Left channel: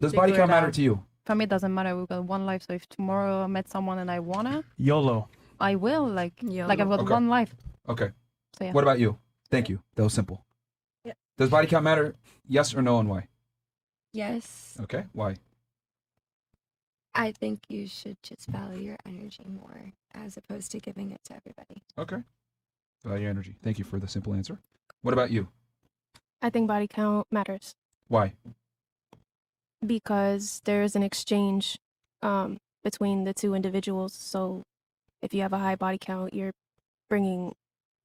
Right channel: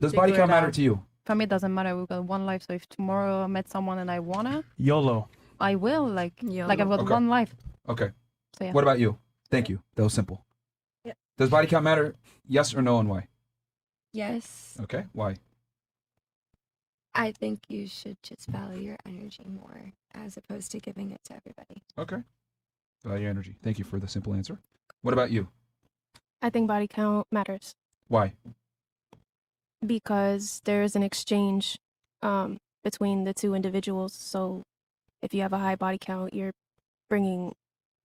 Does body count matter to you? For me, it doesn't matter. We've got one life, so if tomorrow I met someone and I wanna, YOLO. I will. Like YOLO. I've got Okay. one life. Okay. So, yeah. What about you? Thank you. That was simple. Does body count matter? Yes or no, and why? Yes. Okay. Why? I think you should just value your energy more as opposed to giving it to everybody. Okay. Value energy. Thank you for the simple answer. What about you? I think body count matters Why? because there's an exchange between the two individuals. So if you have a high body count, you're bringing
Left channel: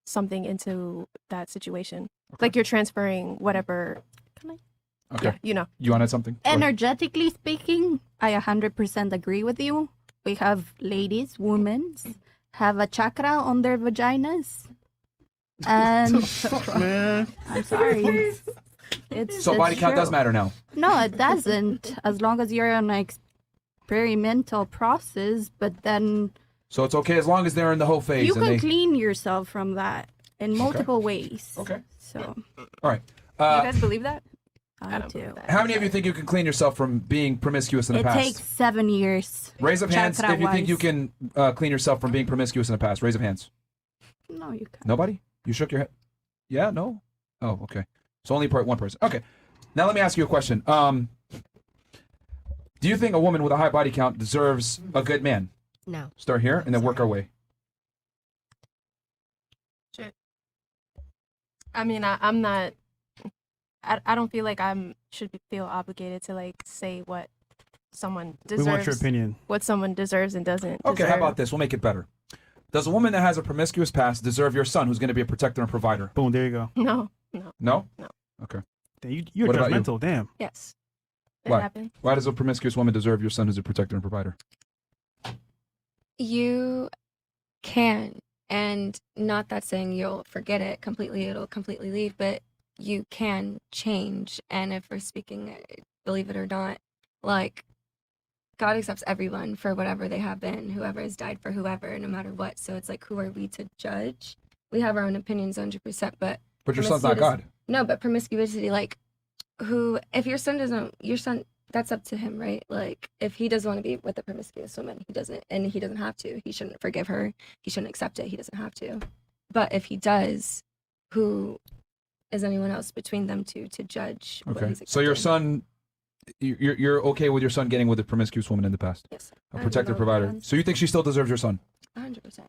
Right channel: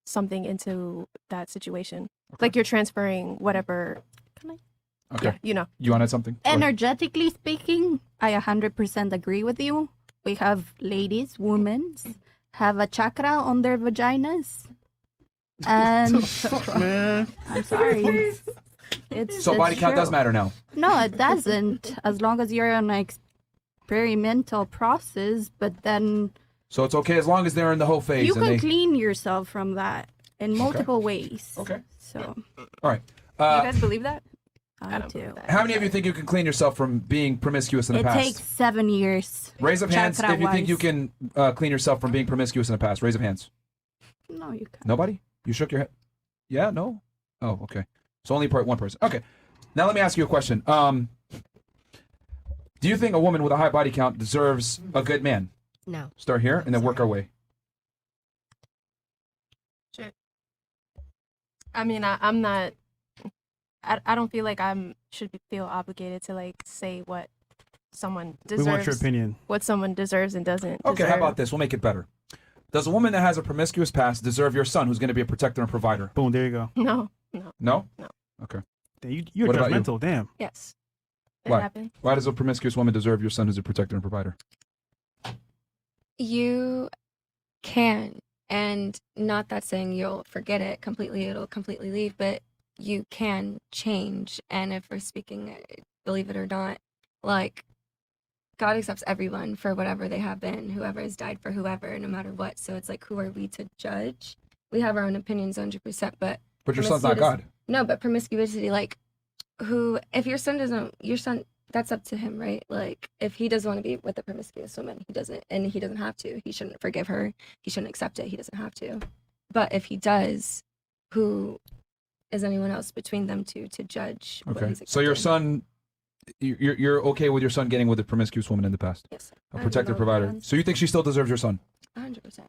something into that situation. Okay. Like you're transferring whatever. Okay. You know. You wanted something? Go ahead. Energetically speaking, I 100% agree with you. We have ladies, women, have a chakra on their vaginas. And I'm sorry. So body count does matter now. No, it doesn't. As long as you're on an experimental process, but then So it's okay as long as they're in the whole phase. you and can they... clean yourself from that in multiple ways. Okay. So, All right. you guys believe that? I do. How many of you think you can clean yourself from being promiscuous in the It past? takes 7 years. Raise up hands if you think chakra-wise. you can clean yourself from being promiscuous in the past. Raise up hands. No, you can't. Nobody? You shook your head? Yeah? No? Oh, okay. So only one person. Okay. Now let me ask you a question. Do you think a woman with a high body count deserves a good man? No. Start here and then work our way. I mean, I'm not. I don't feel like should feel obligated to like say what someone We want your deserves. opinion. What someone deserves and doesn't. Okay, how deserve. about this? We'll make it better. Does a woman that has a promiscuous past deserve your son who's going to be a protector and provider? Boom, there you go. No. No? No. Okay. Damn, you're What about you? judgmental, damn. Yes. Why? It happened. Why does a promiscuous woman deserve your son as a protector and provider? You can, and not that saying you'll forget it completely, it'll completely leave, but you can change. And if we're speaking, believe it or not, like, God accepts everyone for whatever they have been, whoever has died for whoever, no matter what. So it's like, who are we to judge? We have our own opinions 100%, but But your son's not God. no, but promiscuity, like, if your son, that's up to him, right? Like, if he doesn't want to be with a promiscuous woman, he doesn't have to. He shouldn't forgive her. He shouldn't accept it. He doesn't have to. But if he does, who is anyone else between them two to judge what Okay. he's So your accepting? son, you're okay with your son getting with a promiscuous woman in the past? Yes. A protector, provider. So you think she still deserves your son? 100%.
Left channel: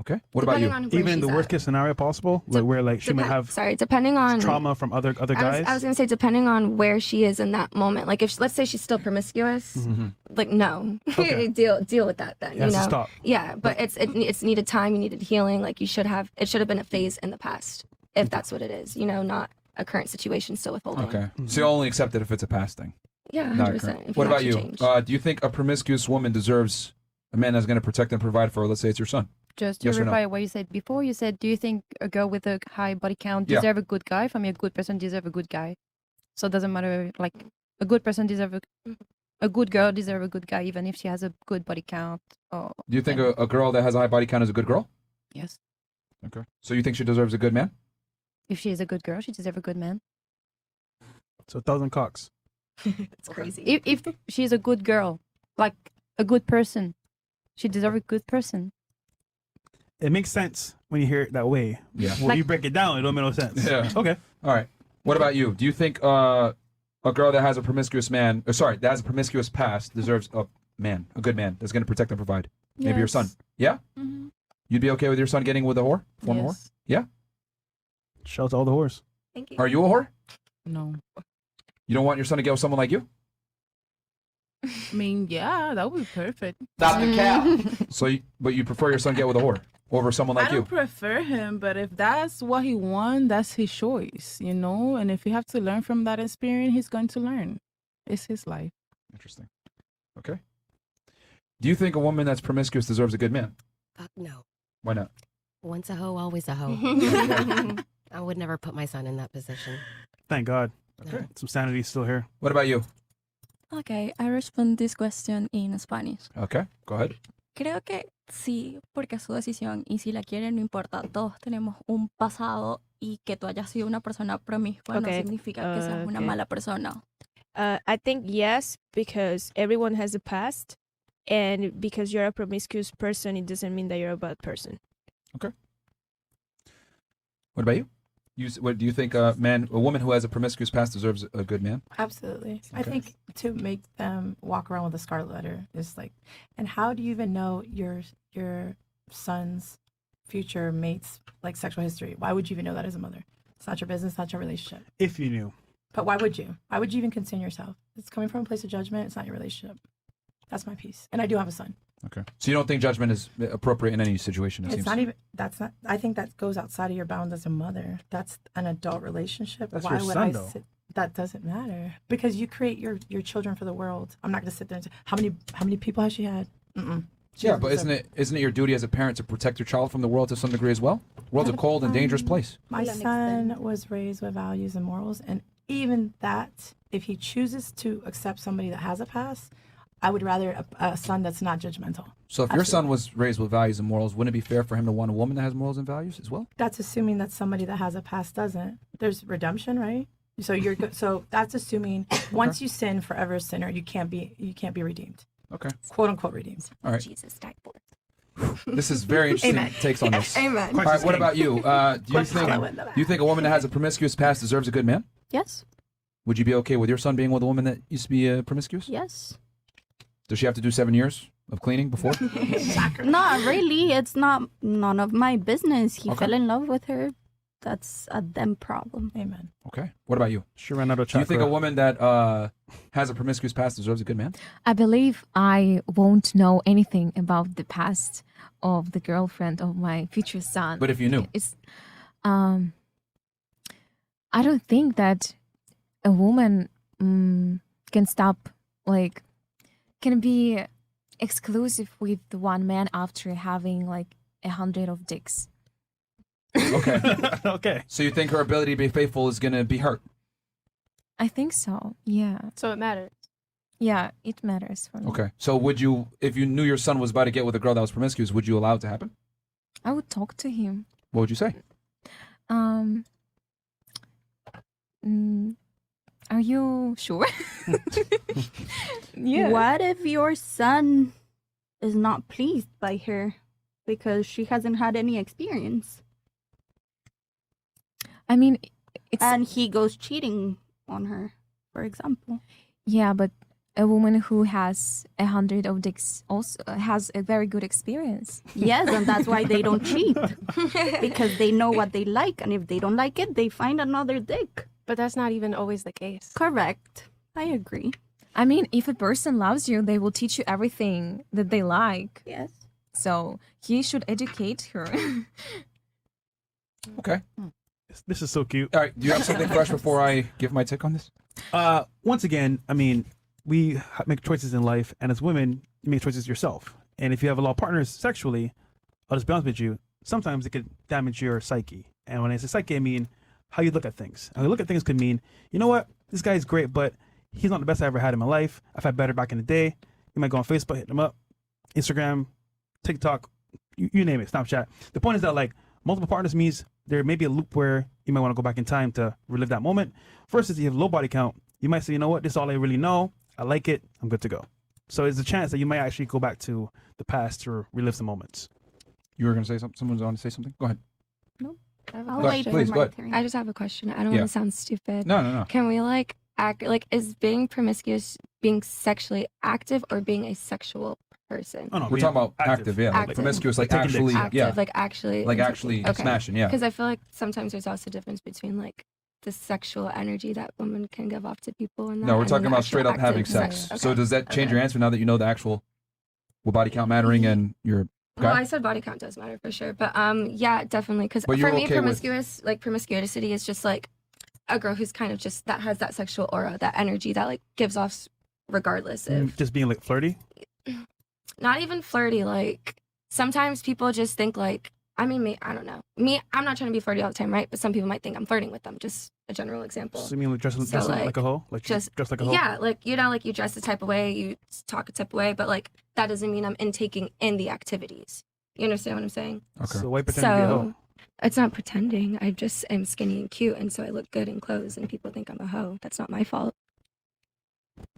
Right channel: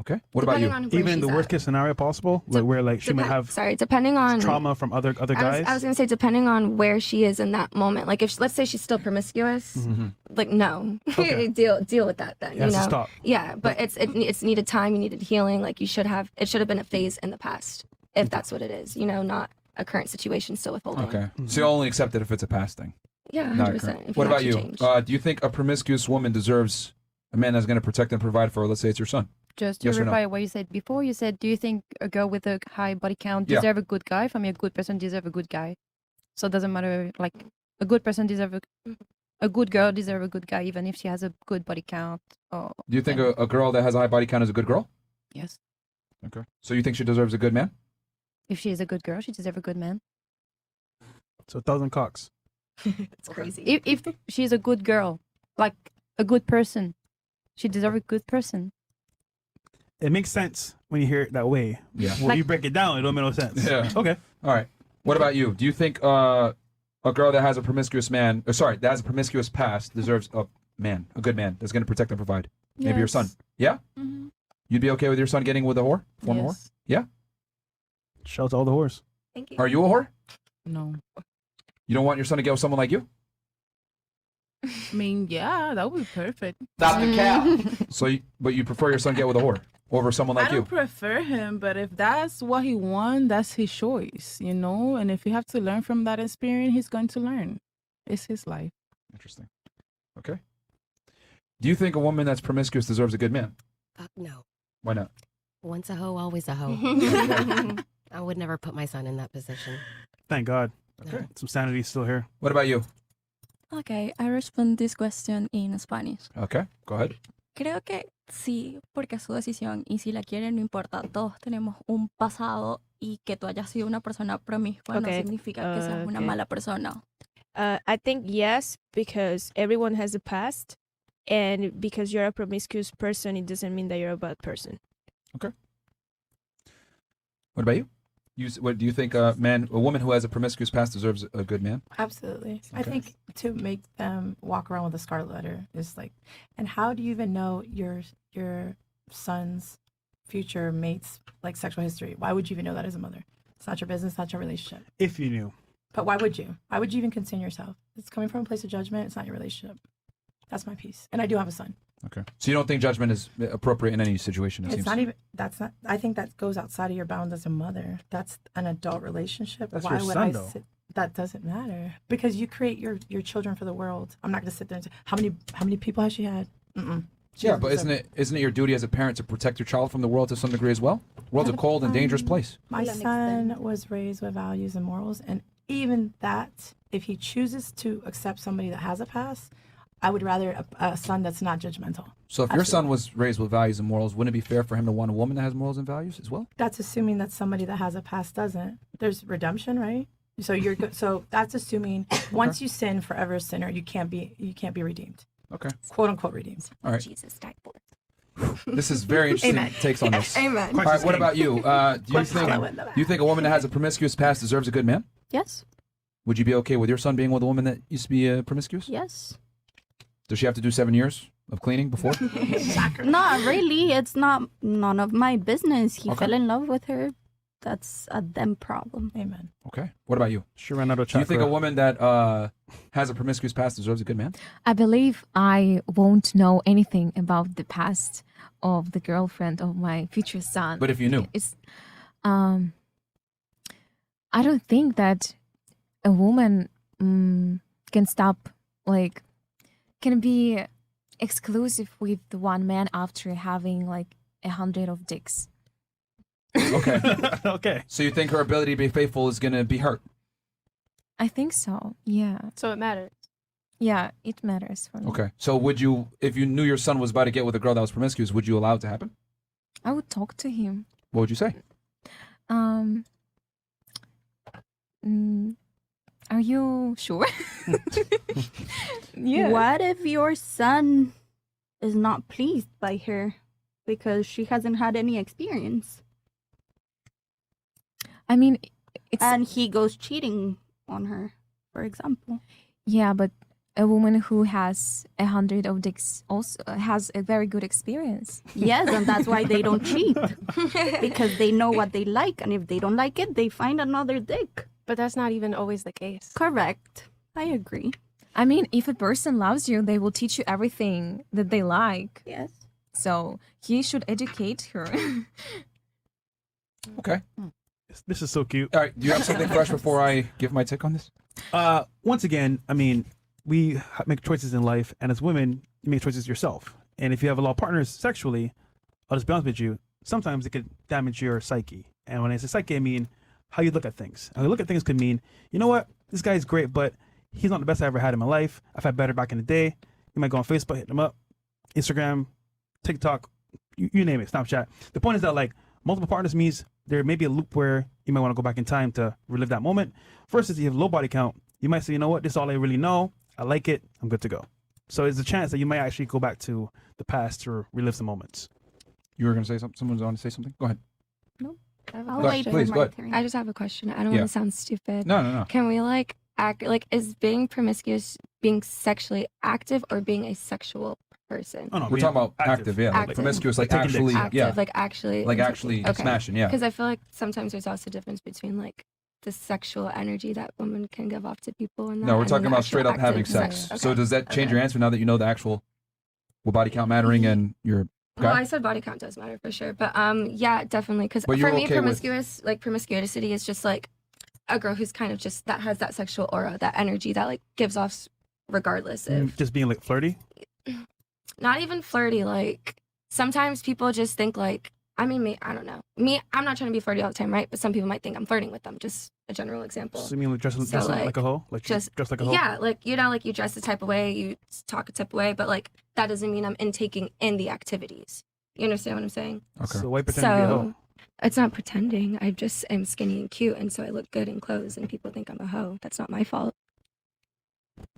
Okay. What about you? Even the worst case scenario possible, where like she might have Sorry, depending on trauma from other guys. I was gonna say depending on where she is in that moment. Like if let's say she's still promiscuous, like no, Okay. deal with that then. That's you know? the stop. Yeah, but it's needed time. You needed healing. Like it should have been a phase in the past, if that's what it is. You know, not a current situation still withholding. Okay. So you only accept it if it's a past thing. Yeah, Not 100%. current. What about you? Do you think a promiscuous woman deserves a man that's going to protect and provide for her? Let's say it's your son. Just to Yes or no? clarify what you said before, you said, do you think a girl with a high body count Yeah. deserve a good guy? For me, a good person deserve a good guy. So it doesn't matter, like, a good person deserve a good girl deserve a good guy, even if she has a good body count. Or Do you think a girl that has a high body count is a good girl? yes, Okay. So you think she deserves a good man? if she is a good girl, she deserves a good man. So 1,000 cocks. It's crazy. If she's a good girl, like a good person, she deserves a good person. It makes sense when you hear it that way. Yeah. When you break it down, it don't make no sense. Yeah. Okay. All right. What about you? Do you think a girl that has a promiscuous man, that has a promiscuous past, deserves a good man that's going to protect and provide? Maybe your son. Yeah? Mm-hmm. You'd be okay with your son getting with a whore? Former whore? Yes. Yeah? Shows all the horse. Are you a whore? No. You don't want your son to get with someone like you? I mean, yeah, that would be perfect. Stop the cap. But you prefer your son get with a whore over someone like I you? don't prefer him, but if that's what he wants, that's his choice, you know? And if you have to learn from that experience, he's going to learn. It's his life. Interesting. Okay. Do you think a woman that's promiscuous deserves a good man? No. Why not? Once a hoe, always a hoe. I would never put my son in that position. Thank God. Some sanity still here. What about you? Okay, I respond this question in Spanish. Okay, go ahead. Creo que sí, porque es su decisión y si la quiere no importa. Todos tenemos un pasado y que tú hayas sido una persona promiscua no Okay, significa que seas una okay. mala persona. I think yes, because everyone has a past, and because you're a promiscuous person, it doesn't mean that you're a bad person. Okay. What about you? What do you think? A woman who has a promiscuous past deserves a good man. Absolutely. I Okay. think to make them walk around with a scarlet letter is like, and how do you even know your son's future mate's like sexual history? Why would you even know that as a mother? It's not your business, not your relationship. If you knew. But why would you? Why would you even concern yourself? It's coming from a place of judgment. It's not your relationship. That's my piece. And I do have a son. Okay. So you don't think judgment is appropriate in any situation? It's not even, I think that goes outside of your bounds as a mother. That's an adult relationship. That's your son. That doesn't matter. Because you create your children for the world. I'm not going to sit there and say, how many people has she had? Mm-mm. Yeah, but isn't it your duty as a parent to protect your child from the world to some degree as well? The world's a cold and dangerous place. My son was raised with values and morals, and even that, if he chooses to accept somebody that has a past, I would rather a son that's not judgmental. So if your son was raised with values and morals, wouldn't it be fair for him to want a woman that has morals and values as well? That's assuming that somebody that has a past doesn't. There's redemption, right? So you're good. So that's assuming once you sin, forever a sinner. You can't be redeemed. Okay. Quote unquote redeemed. All right. Jesus died for. This is very interesting takes on this. Amen. All right. What about you? Do you think a woman that has a promiscuous past deserves a good man? Yes. Would you be okay with your son being with a woman that used to be promiscuous? Yes. Does she have to do 7 years of cleaning before? Not really. It's not none of my business. He Okay. fell in love with her. That's a them problem. Amen. Okay. What about you? She ran out of Do you chakra. think a woman that has a promiscuous past deserves a good man? I believe I won't know anything about the past of the girlfriend of my future son. But if you knew. It's, I don't think that a woman can stop, like, can be exclusive with one man after having like 100 of dicks. Okay. Okay. So you think her ability to be faithful is going to be hurt? I think so. Yeah. So it matters. Yeah, it matters for me. Okay. So would you, if you knew your son was about to get with a girl that was promiscuous, would you allow it to happen? I would talk to him. What would you say? Are you sure? Yeah. What if your son is not pleased by her because she hasn't had any experience? I mean, it's And he goes cheating on her, for example. yeah, but a woman who has 100 of dicks also has a very good experience. Yes, and that's why they don't cheat. Because they know what they like, and if they don't like it, they find another dick. But that's not even always the case. Correct. I agree. I mean, if a person loves you, they will teach you everything that they like. Yes. So he should educate her. Okay. This is so cute. All right. Do you have something fresh before I give my take on this? Once again, I mean, we make choices in life, and as women, you make choices yourself. And if you have a lot of partners sexually, I'll just be honest with you, sometimes it could damage your psyche. And when I say psyche, I mean how you look at things. How you look at things could mean, you know what, this guy's great, but he's not the best I ever had in my life. I've had better back in the day. You might go on Facebook, hit them up, Instagram, TikTok, you name it, Snapchat. The point is that, like, multiple partners means there may be a loop where you might want to go back in time to relive that moment. First, if you have low body count, you might say, you know what, this is all I really know. I like it. I'm good to go. So there's a chance that you might actually go back to the past to relive some moments. You were going to say something? Someone's going to say something? Go ahead. Please, go ahead. I just have a question. I don't Yeah. want to sound stupid. No. Can we like act like, is being promiscuous being sexually active or being a sexual person? Oh, no, We're talking about active, yeah. Like Active. promiscuous, like Taking actually, dicks. Active, yeah. like actually. Like actually smashing, yeah. Because I feel like sometimes there's also a difference between like the sexual energy that women can give off to people. And No, we're and talking the about actual straight up having active sex. sex. So does that change your answer now that you know the actual body count mattering and your Well, guy? I said body count does matter for sure, but yeah, definitely. Because But for you're me, okay with- promiscuity is just like a girl who's kind of just that has that sexual aura, that energy that like gives off regardless of Just being like flirty. not even flirty. Like sometimes people just think like, I mean, I don't know. Me, I'm not trying to be flirty all the time, right? But some people might think I'm flirting with them. Just a general example. So you mean like dressing So, like a hoe? Like Just dressed like a hoe? yeah, like you know, like you dress a type of way, you talk a type of way, but like that doesn't mean I'm taking in the activities. You understand what I'm saying? Okay. So why pretend to be a hoe? It's not pretending. I just am skinny and cute, and so I look good in clothes, and people think I'm a hoe. That's not my fault.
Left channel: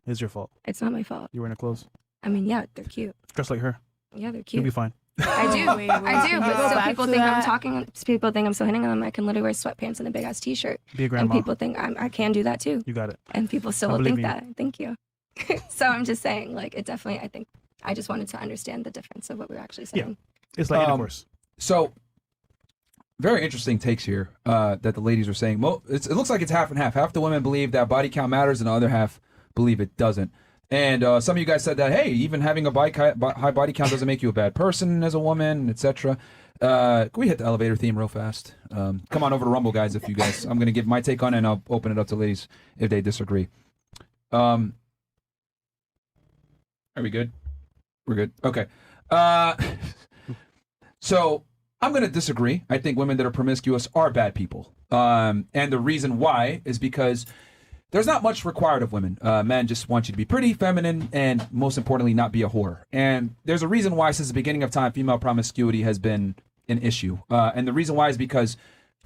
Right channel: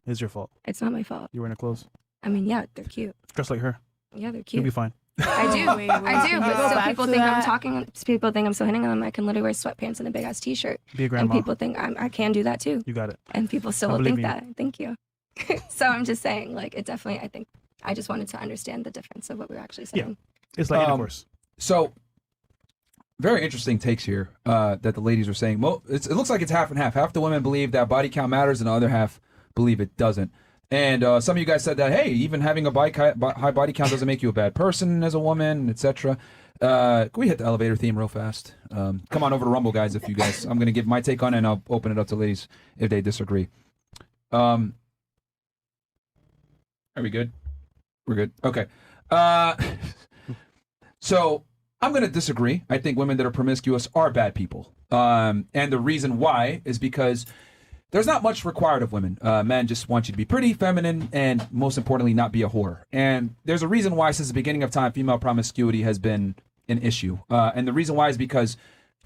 It's your fault. It's not my fault. You're wearing her clothes. I mean, yeah, they're cute. Just like her. Yeah, they're You'll cute. be fine. I do. I do. Can we But go still back people to think I'm that? talking. People think I'm so hitting on them. I can literally wear sweatpants and a big ass t-shirt. Be a And grandma. people think I can do that too. You got it. And people still I will believe think you. that. Thank you. So I'm just saying, like, it definitely, I think, I just wanted to understand the difference of what we're actually saying. It's like any course. So, very interesting takes here that the ladies are saying. Well, it looks like it's half and half. Half the women believe that body count matters, and the other half believe it doesn't. And some of you guys said that, hey, even having a high body count doesn't make you a bad person as a woman, etc. Can we hit the elevator theme real fast? Come on over to Rumble, guys, if you guys. I'm going to give my take on it, and I'll open it up to ladies if they disagree. Are we good? We're good. Okay. So I'm going to disagree. I think women that are promiscuous are bad people. And the reason why is because there's not much required of women. Men just want you to be pretty, feminine, and most importantly, not be a whore. And there's a reason why since the beginning of time, female promiscuity has been an issue. And the reason why is because,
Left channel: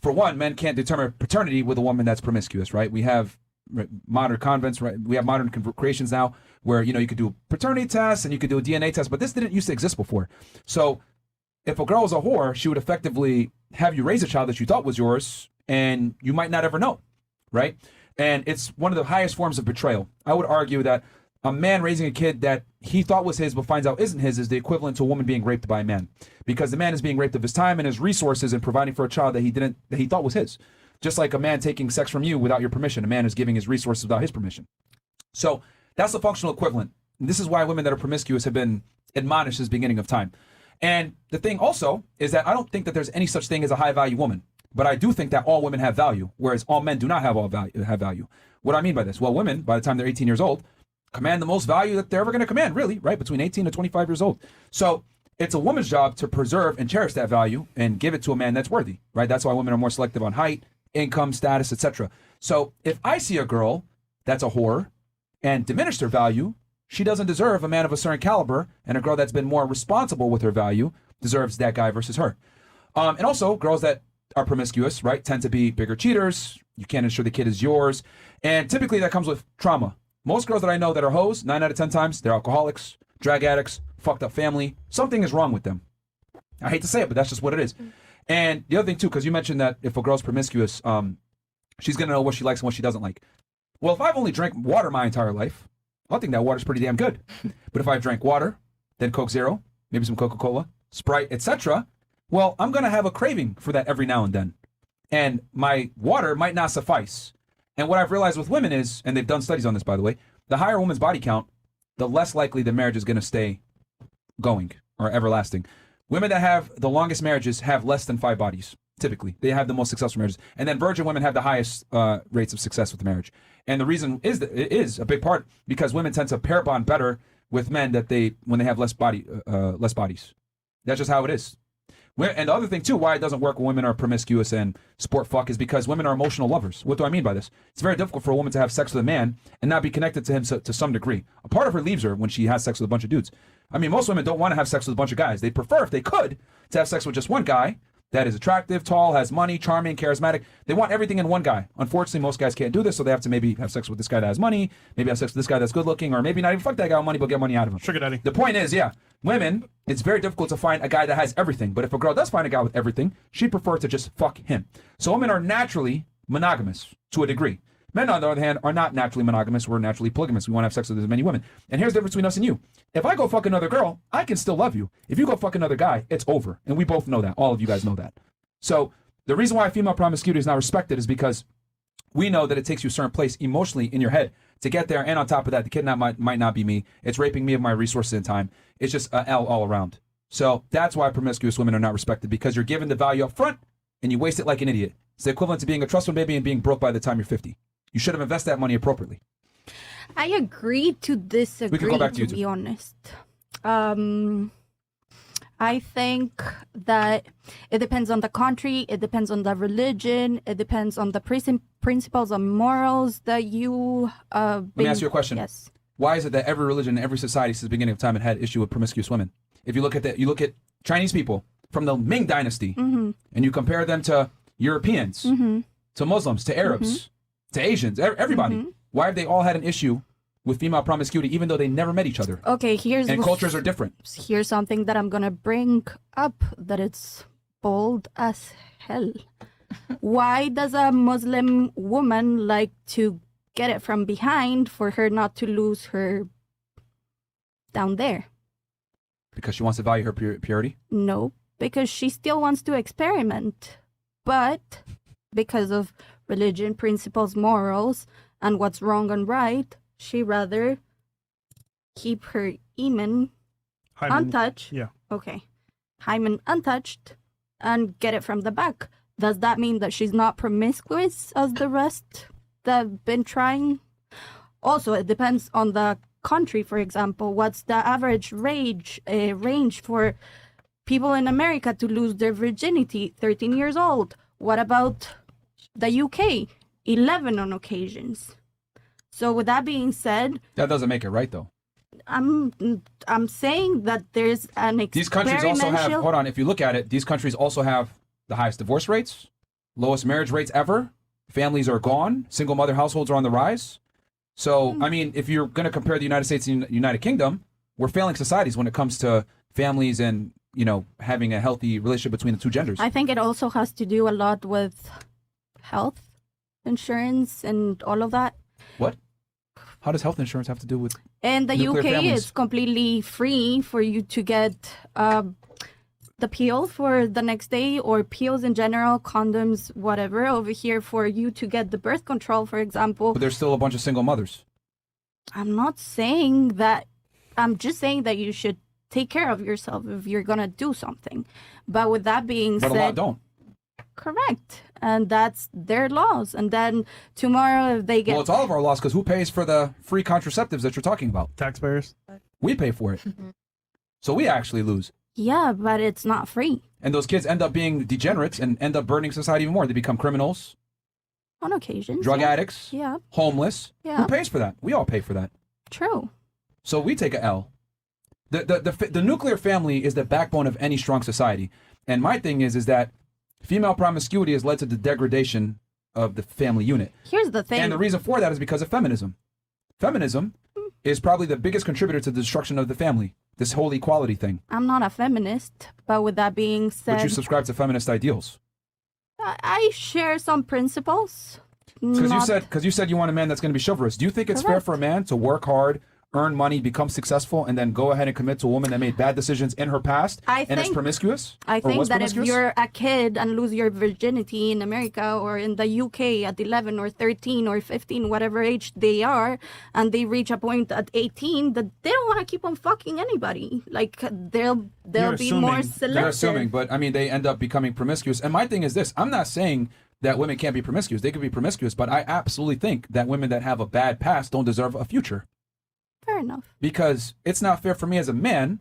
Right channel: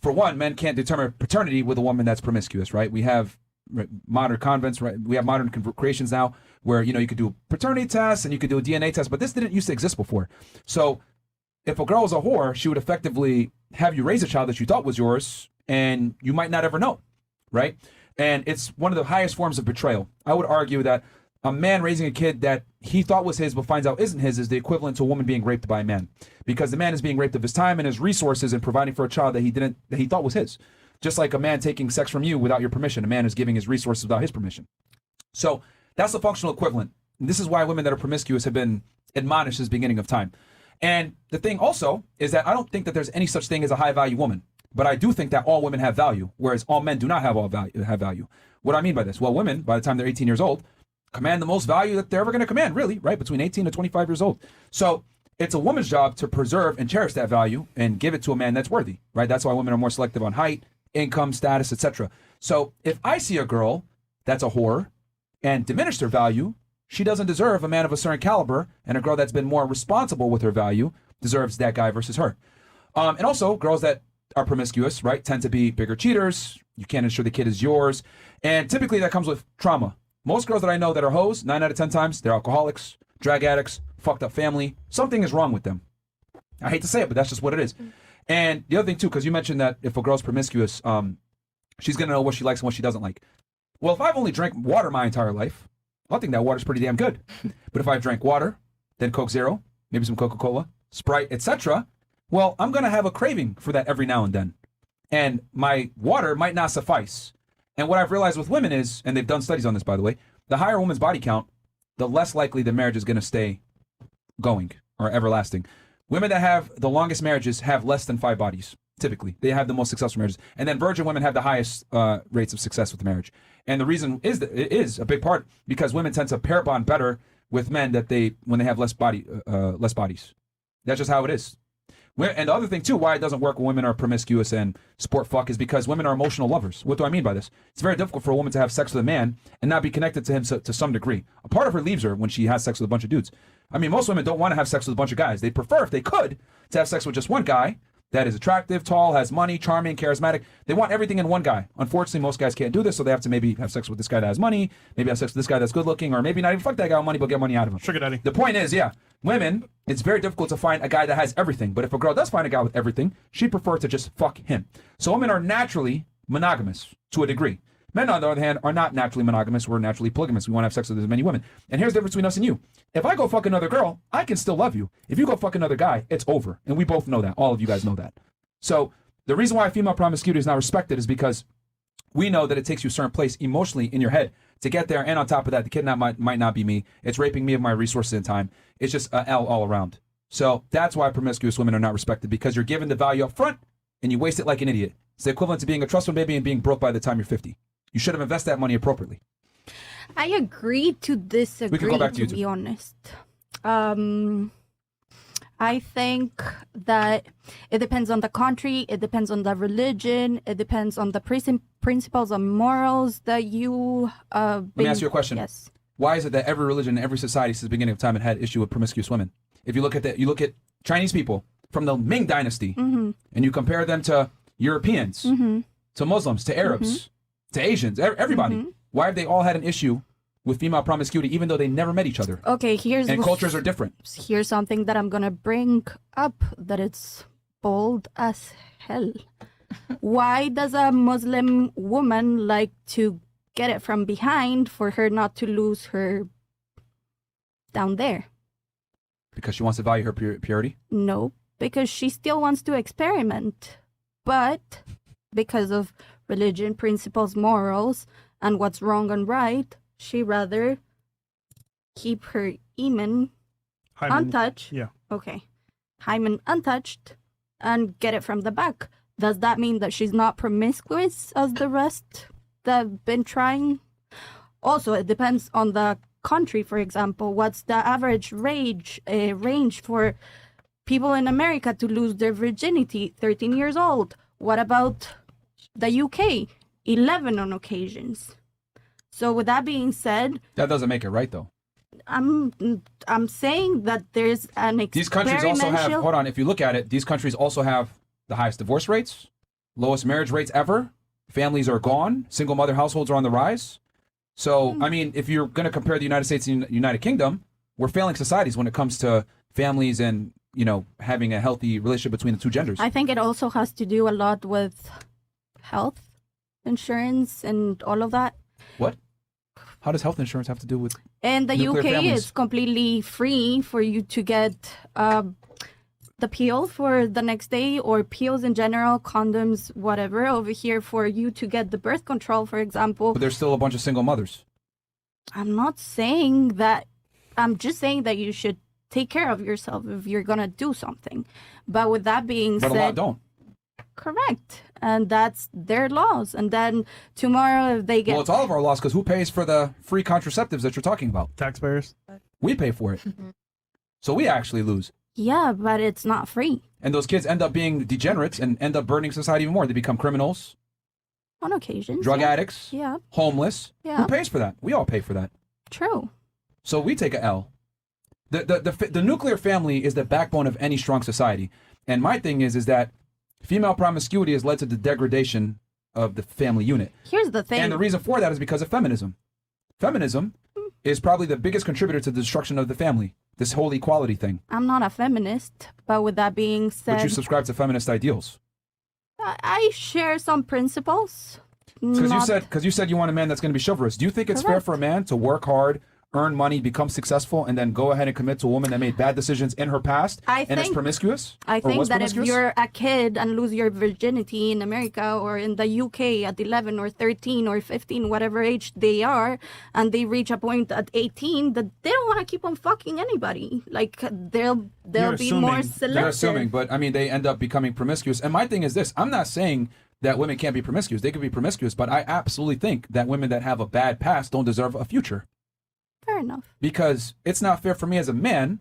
for one, men can't determine paternity with a woman that's promiscuous, right? We have modern convents, right? We have modern creations now where, you could do a paternity test and you could do a DNA test, but this didn't used to exist before. So if a girl is a whore, she would effectively have you raise a child that you thought was yours, and you might not ever know, right? And it's one of the highest forms of betrayal. I would argue that a man raising a kid that he thought was his but finds out isn't his is the equivalent to a woman being raped by a man, because the man is being raped of his time and his resources and providing for a child that he thought was his. Just like a man taking sex from you without your permission, a man is giving his resources without his permission. So that's the functional equivalent. And this is why women that are promiscuous have been admonished since the beginning of time. And the thing also is that I don't think that there's any such thing as a high value woman, but I do think that all women have value, whereas all men do not have value. What do I mean by this? Well, women, by the time they're 18 years old, command the most value that they're ever going to command, really, right? Between 18 and 25 years old. So it's a woman's job to preserve and cherish that value and give it to a man that's worthy, right? That's why women are more selective on height, income, status, etc. So if I see a girl that's a whore and diminish their value, she doesn't deserve a man of a certain caliber, and a girl that's been more responsible with her value deserves that guy versus her. And also, girls that are promiscuous, right, tend to be bigger cheaters. You can't ensure the kid is yours. And typically that comes with trauma. Most girls that I know that are hoes, 9 out of 10 times, they're alcoholics, drug addicts, fucked up family. Something is wrong with them. I hate to say it, but that's just what it is. And the other thing, too, because you mentioned that if a girl's promiscuous, she's going to know what she likes and what she doesn't like. Well, if I've only drank water my entire life, I think that water's pretty damn good. But if I drank water, then Coke Zero, maybe some Coca-Cola, Sprite, etc., well, I'm going to have a craving for that every now and then. And my water might not suffice. And what I've realized with women is, and they've done studies on this, by the way, the higher a woman's body count, the less likely the marriage is going to stay going or everlasting. Women that have the longest marriages have less than 5 bodies, typically. They have the most successful marriages. And then virgin women have the highest rates of success with the marriage. And the reason is that it is a big part because women tend to pair bond better with men when they have less bodies. That's just how it is. And the other thing, too, why it doesn't work when women are promiscuous and sport fuck is because women are emotional lovers. What do I mean by this? It's very difficult for a woman to have sex with a man and not be connected to him to some degree. A part of her leaves her when she has sex with a bunch of dudes. I mean, most women don't want to have sex with a bunch of guys. They prefer, if they could, to have sex with just one guy that is attractive, tall, has money, charming, charismatic. They want everything in one guy. Unfortunately, most guys can't do this, so they have to maybe have sex with this guy that has money, maybe have sex with this guy that's good looking, or maybe not even fuck that guy with money, but get money out of him. Sugar daddy. The point is, women, it's very difficult to find a guy that has everything. But if a girl does find a guy with everything, she prefers to just fuck him. So women are naturally monogamous to a degree. Men, on the other hand, are not naturally monogamous. We're naturally polygamous. We want to have sex with as many women. And here's the difference between us and you. If I go fuck another girl, I can still love you. If you go fuck another guy, it's over. And we both know that. All of you guys know that. So the reason why female promiscuity is not respected is because we know that it takes you a certain place emotionally in your head to get there. And on top of that, the kidnap might not be me. It's raping me of my resources at the time. It's just an L all around. So that's why promiscuous women are not respected, because you're given the value up front and you waste it like an idiot. It's the equivalent to being a trust fund baby and being broke by the time you're 50. You should have invested that money appropriately. I agree to disagree, We can go back to to be honest. I think that it depends on the country, it depends on the religion, it depends on the principles and morals that you... Let me ask you a question. Yes. Why is it that every religion, every society since the beginning of time had issue with promiscuous women? If you look at Chinese people from the Ming Dynasty, Mm-hmm. and you compare them to Europeans, Mm-hmm. to Muslims, to Arabs, to Asians, everybody, why have they all had an issue with female promiscuity, even though they never met each other. Okay, And cultures are different. Here's something that I'm gonna bring up that it's bold as hell. Why does a Muslim woman like to get it from behind for her not to lose her down there? Because she wants to value her purity? No, because she still wants to experiment. But because of religion, principles, morals, and what's wrong and right, she rather keep her hymen untouched. Yeah. Okay. Hymen untouched and get it from the back. Does that mean that she's not promiscuous as the rest that have been trying? Also, it depends on the country. For example, what's the average range for people in America to lose their virginity? 13 years old. What about the UK? 11 on occasions. So with that being said, That doesn't make it right, though. I'm saying that there's an These countries also have, experiential- hold on, if you look at it, these countries also have the highest divorce rates, lowest marriage rates ever. Families are gone. Single mother households are on the rise. So, I mean, if you're going to compare the United States and the United Kingdom, we're failing societies when it comes to families and, you know, having a healthy relationship between the two genders. I think it also has to do a lot with health insurance and all of that. What? How does health insurance have to do with In the nuclear UK, families? it's completely free for you to get the pill for the next day, or pills in general, condoms, whatever. Over here, for you to get the birth control, for example. But there's still a bunch of single mothers. I'm not saying that. I'm just saying that you should take care of yourself if you're gonna do something. But with that being But a lot said, don't. correct, and that's their laws. And then tomorrow, if they get Well, it's all of our laws, because who pays for the free contraceptives that you're talking about? Taxpayers. We pay for it. So we actually lose. yeah, but it's not free And those kids end up being degenerates and end up burning society even more. They become criminals, on occasions. drug yeah. addicts, Yeah, homeless. Yeah. Who pays for that? We all pay for that. true. So we take a L. The nuclear family is the backbone of any strong society. And my thing is that female promiscuity has led to the degradation of the family unit. Here's the thing. And the reason for that is because of feminism. Feminism is probably the biggest contributor to the destruction of the family. This whole equality thing. I'm not a feminist, but with that being said, But you subscribe to feminist ideals. I share some principles. Because you said you want a man that's going to be chivalrous. Do you think it's fair for a man to work hard, earn money, become successful, and then go ahead and commit to a woman that made bad decisions in her past and is promiscuous? I Or think was that promiscuous? if you're a kid and lose your virginity in America or in the UK at 11 or 13 or 15, whatever age they are, and they reach a point at 18 that they don't want to keep on fucking anybody. Like they'll be more selective. They're assuming, but I mean, they end up becoming promiscuous. And my thing is this: I'm not saying that women can't be promiscuous. They can be promiscuous, but I absolutely think that women that have a bad past don't deserve a future. Fair enough. Because it's not fair for me as a man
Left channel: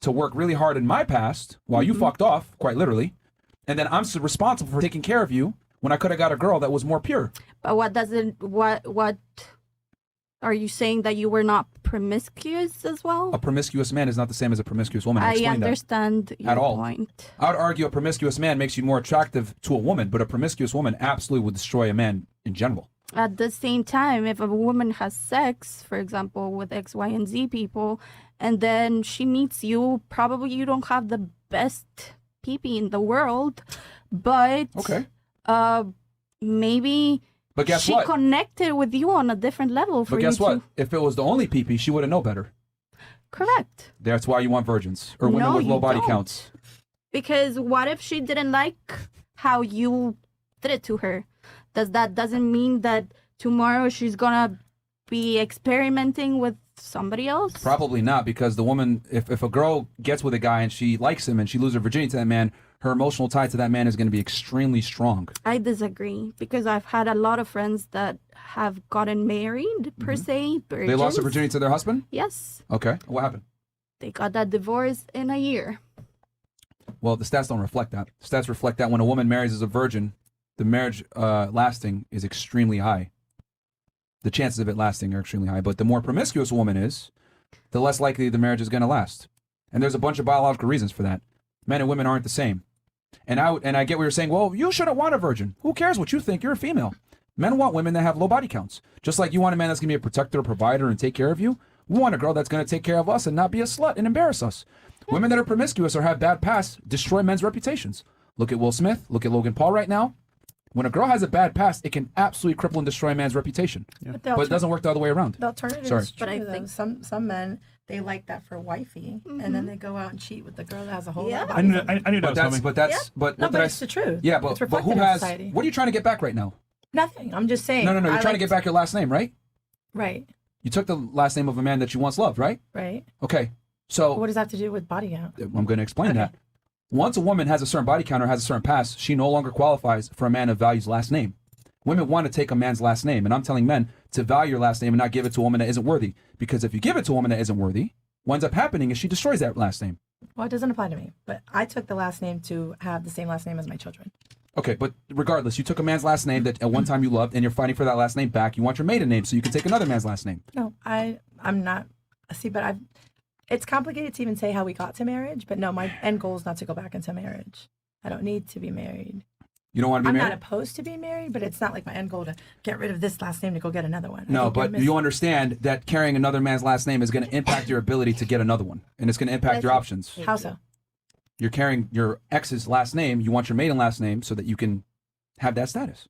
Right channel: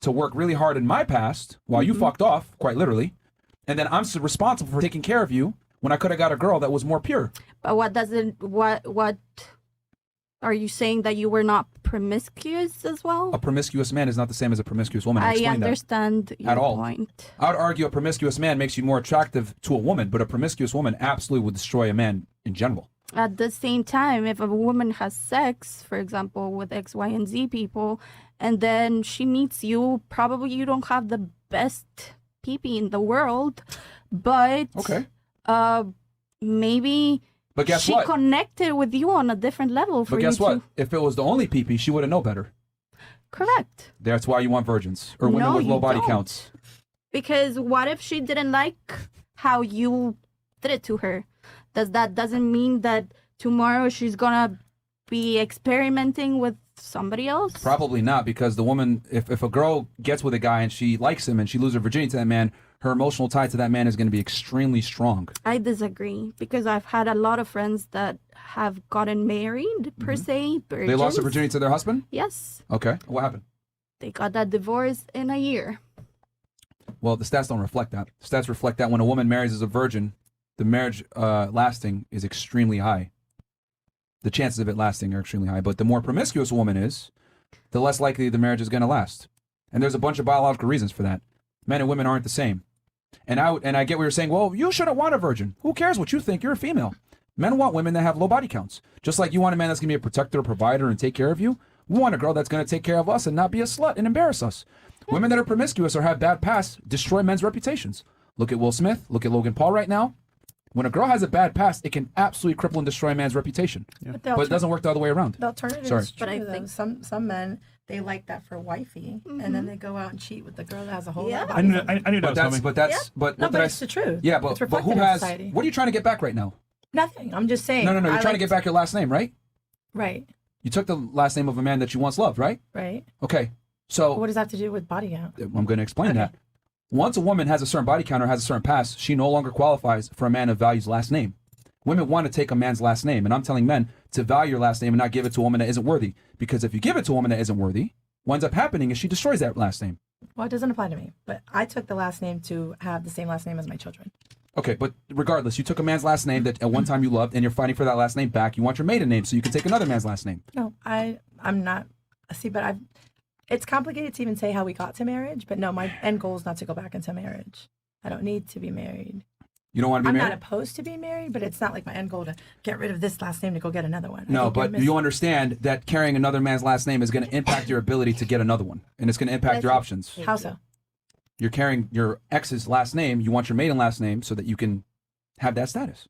to work really hard in my past while you fucked off, quite literally, and then I'm responsible for taking care of you when I could have got a girl that was more pure. But what are you saying, that you were not promiscuous as well? A promiscuous man is not the same as a promiscuous woman. I Explain that. understand your At all. point. I would argue a promiscuous man makes you more attractive to a woman, but a promiscuous woman absolutely would destroy a man in general. At the same time, if a woman has sex, for example, with X, Y, and Z people, and then she meets you, probably you don't have the best pee-pee in the world, but maybe But guess she what? connected with you on a different level for But you guess what? to... If it was the only pee-pee, she wouldn't know better. Correct. That's why you want virgins or women No, with low you body don't. counts. Because what if she didn't like how you did it to her? Doesn't mean that tomorrow she's gonna be experimenting with somebody else? Probably not, because the woman, if a girl gets with a guy and she likes him and she loses her virginity to that man, her emotional tie to that man is going to be extremely strong. I disagree, because I've had a lot of friends that have gotten married, per se. They lost their virgins. virginity to their husband? Yes. Okay. What happened? They got that divorce in a year. Well, the stats don't reflect that. The stats reflect that when a woman marries as a virgin, the marriage lasting is extremely high. The chances of it lasting are extremely high. But the more promiscuous a woman is, the less likely the marriage is going to last. And there's a bunch of biological reasons for that. Men and women aren't the same. And I get what you're saying. Well, you shouldn't want a virgin. Who cares what you think? You're a female. Men want women that have low body counts. Just like you want a man that's going to be a protector, a provider, and take care of you. We want a girl that's going to take care of us and not be a slut and embarrass us. Women that are promiscuous or have bad past destroy men's reputations. Look at Will Smith. Look at Logan Paul right now. When a girl has a bad past, it can absolutely cripple and destroy a man's reputation. But it doesn't work the other way around. But I think some men, they like that for wifey, and then they go out and cheat with the girl that has a whole lot. I knew that But was that's, coming. but that's, Yeah. but No, what but did I it's the truth. Yeah, It's but who reflected in has, society. what are you trying to get back right now? Nothing. I'm just saying. No, you're I trying to like get back your last name, right? Right. You took the last name of a man that you once loved, right? Right. Okay, so What does that have to do with body count? I'm going to explain that. Once a woman has a certain body count or has a certain past, she no longer qualifies for a man that values last name. Women want to take a man's last name, and I'm telling men to value your last name and not give it to a woman that isn't worthy. Because if you give it to a woman that isn't worthy, what ends up happening is she destroys that last name. Well, it doesn't apply to me, but I took the last name to have the same last name as my children. Okay, but regardless, you took a man's last name that at one time you loved, and you're fighting for that last name back. You want your maiden name so you can take another man's last name. No, I'm not. See, but it's complicated to even say how we got to marriage, but no, my end goal is not to go back into marriage. I don't need to be married. You don't want to be married? I'm not opposed to being married, but it's not like my end goal to get rid of this last name to go get another one. No, but you understand that carrying another man's last name is going to impact your ability to get another one, and it's going to impact your options. How so? You're carrying your ex's last name. You want your maiden last name so that you can have that status.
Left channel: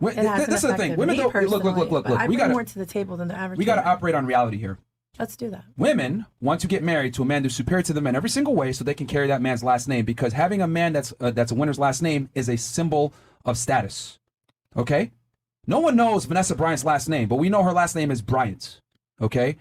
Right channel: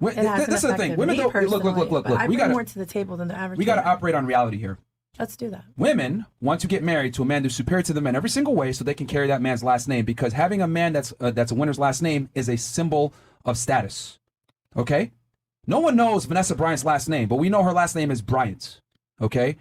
This is the thing. Women don't look. I bring more to the table than the average. We got to operate on reality here. Let's do that. Women want to get married to a man that's superior to the men every single way, so they can carry that man's last name. Because having a man that's a winner's last name is a symbol of status. Okay? No one knows Vanessa Bryant's last name, but we know her last name is Bryant. Okay?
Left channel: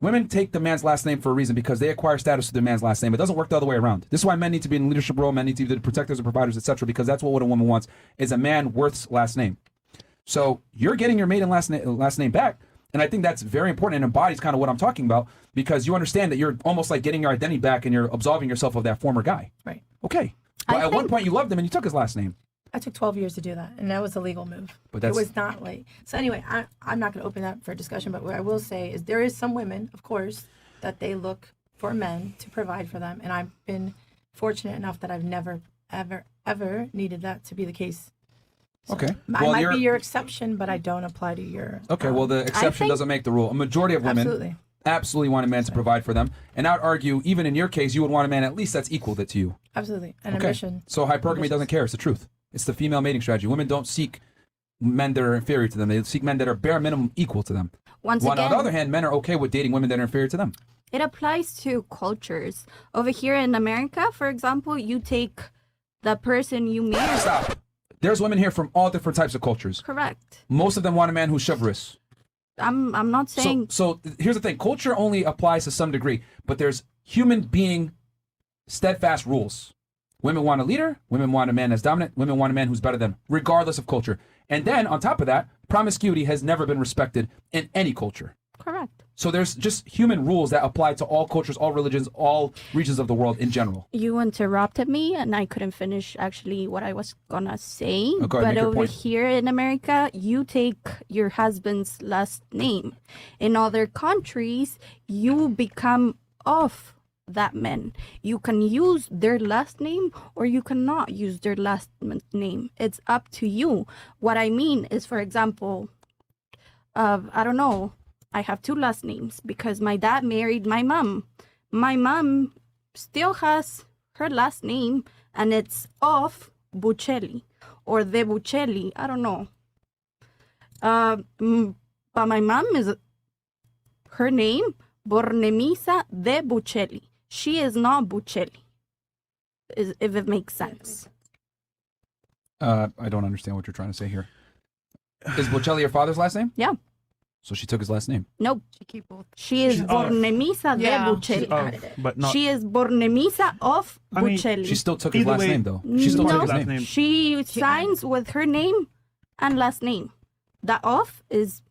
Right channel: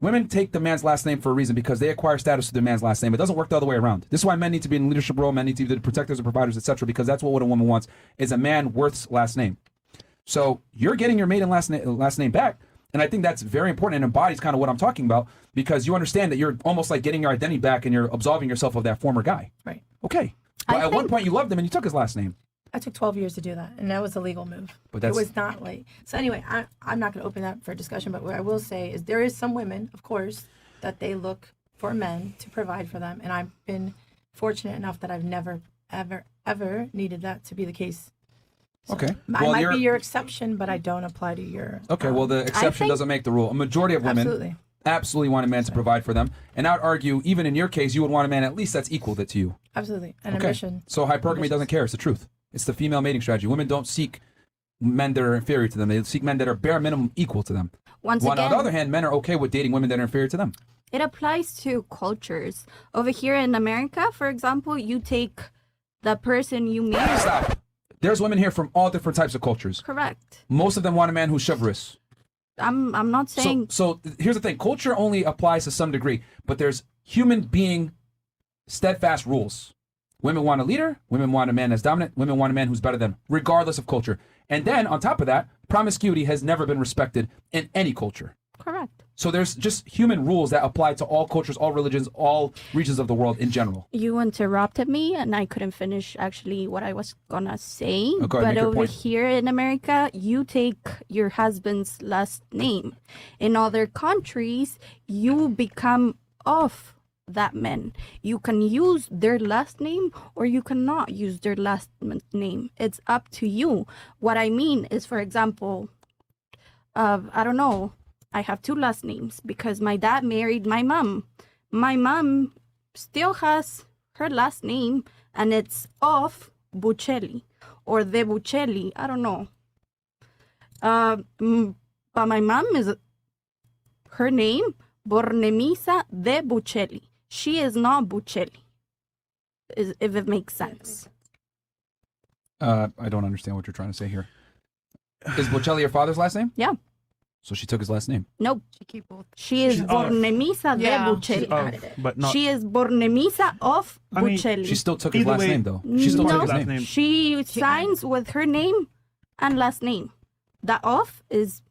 Women take the man's last name for a reason because they acquire status with their man's last name. It doesn't work the other way around. This is why men need to be in leadership role, men need to be the protectors or providers, etc. Because that's what a woman wants, is a man worth's last name. So you're getting your maiden last name back. And I think that's very important and embodies kind of what I'm talking about, because you understand that you're almost like getting your identity back and you're absolving yourself of that former guy. Right. Okay. But at one point you loved him and you took his last name. I took 12 years to do that, and that was a legal move. But it was not late. So anyway, I'm not going to open that for discussion, but what I will say is there is some women, of course, that they look for men to provide for them, and I've been fortunate enough that I've never, ever needed that to be the case. So Okay. I might be your exception, but I don't apply to your... Okay, well, the exception doesn't make the rule. A majority of women absolutely want a man to provide for them. And I would argue, even in your case, you would want a man at least that's equal to you. Absolutely. And Okay. ambition. So hypergamy doesn't care. It's the truth. It's the female mating strategy. Women don't seek men that are inferior to them. They seek men that are bare minimum equal to them. Once On the again, other hand, men are okay with dating women that are inferior to them. it applies to cultures. Over here in America, for example, you take the person you marry. Stop. There's women here from all different types of cultures. Correct. Most of them want a man who's chivalrous. I'm not saying So here's the thing. Culture only applies to some degree, but there's human being steadfast rules. Women want a leader. Women want a man that's dominant. Women want a man who's better than them, regardless of culture. And then on top of that, promiscuity has never been respected in any culture. correct. So there's just human rules that apply to all cultures, all religions, all regions of the world in general. You interrupted me and I couldn't finish actually what I was gonna say. Okay, but make your over point. here in America, you take your husband's last name. In other countries, you become of that man. You can use their last name or you cannot use their last name. It's up to you. What I mean is, for example, I don't know, I have two last names because my dad married my mom. My mom still has her last name and it's of Buccelli or de Buccelli. I don't know. But my mom is her name Bornemisa de Buccelli. She is not Buccelli. If it makes sense. I don't understand what you're trying to say here. Is Bocelli your father's last name? Yeah. So she took his last name. No. She is Bornemisa de Buccelli. But not. She is Bornemisa of Buccelli. She still took his Either last way, name, though. She still no, took his name. she signs with her name and last name. The oath is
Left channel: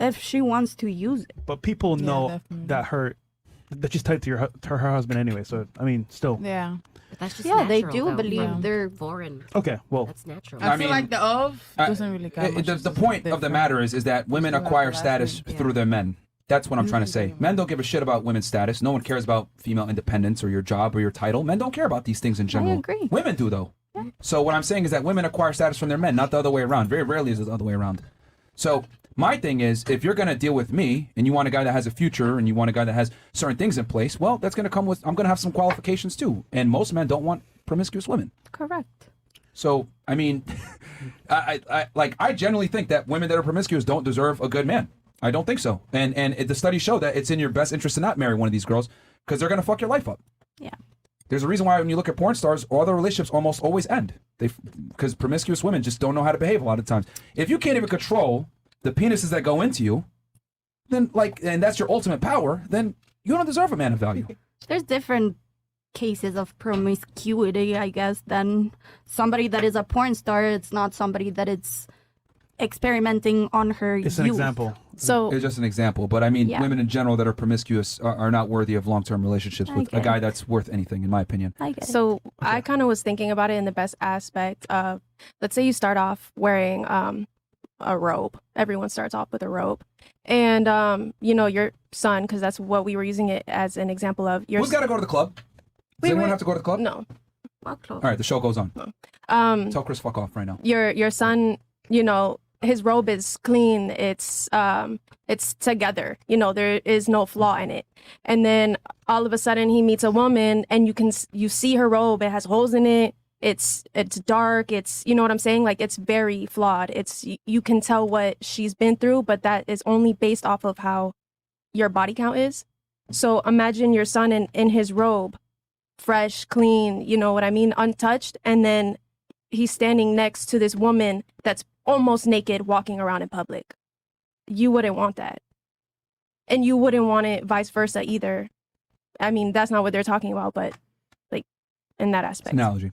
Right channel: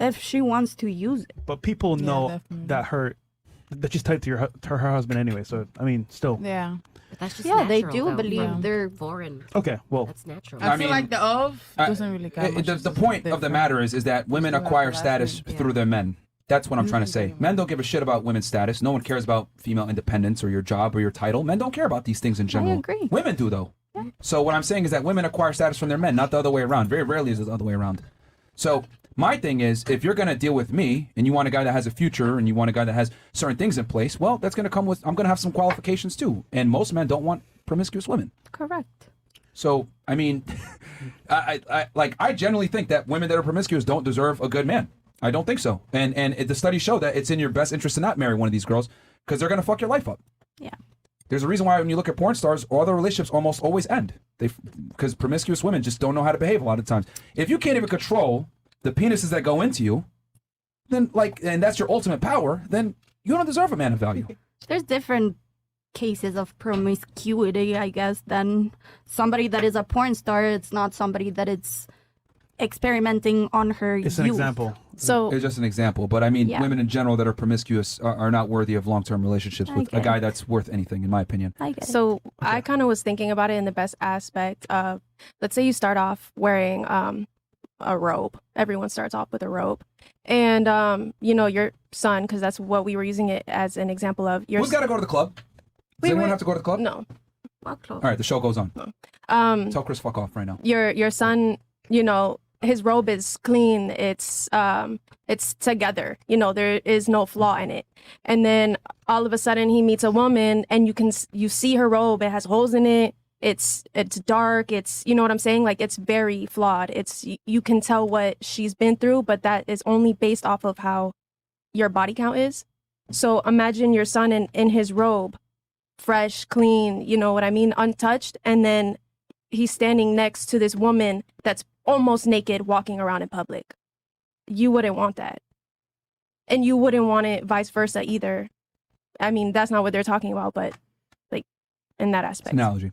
if she wants to use it. But people know that she's tied to her husband anyway. So I mean, still. Yeah. That's just Yeah, they natural, do though. believe They're foreign. Okay, well, That's natural. I I feel mean, like the of doesn't really count. The point of the matter is that women acquire status through their men. That's what I'm trying to say. Men don't give a shit about women's status. No one cares about female independence or your job or your title. Men don't care about these things in general. agree. Women do, though. So what I'm saying is that women acquire status from their men, not the other way around. Very rarely is it the other way around. So my thing is, if you're going to deal with me and you want a guy that has a future and you want a guy that has certain things in place, well, that's going to come with, I'm going to have some qualifications too. And most men don't want promiscuous women. Correct. So, I mean, I generally think that women that are promiscuous don't deserve a good man. I don't think so. And the studies show that it's in your best interest to not marry one of these girls because they're going to fuck your life up. Yeah. There's a reason why when you look at porn stars, all their relationships almost always end. Because promiscuous women just don't know how to behave a lot of times. If you can't even control the penises that go into you, then and that's your ultimate power, then you don't deserve a man of value. There's different cases of promiscuity, I guess, than somebody that is a porn star. It's not somebody that is experimenting on her It's an example. So It's just an example, but I mean, women in general that are promiscuous are not worthy of long-term relationships with a guy that's worth anything, in my opinion. So I kind of was thinking about it in the best aspect of, let's say you start off wearing a robe. Everyone starts off with a robe. And, your son, because that's what we were using it as an example of. Who's got to go to the club? Does anyone have to go to the club? No. All right, the show goes on. Tell Chris fuck off right now. Your son, his robe is clean. It's together. There is no flaw in it. And then all of a sudden he meets a woman and you see her robe. It has holes in it. It's dark. It's, you know what I'm saying? Like, it's very flawed. You can tell what she's been through, but that is only based off of how your body count is. So imagine your son in his robe, fresh, clean, you know what I mean? Untouched. And then he's standing next to this woman that's almost naked walking around in public. You wouldn't want that. And you wouldn't want it vice versa either. I mean, that's not what they're talking about, but like in that aspect. Analogy.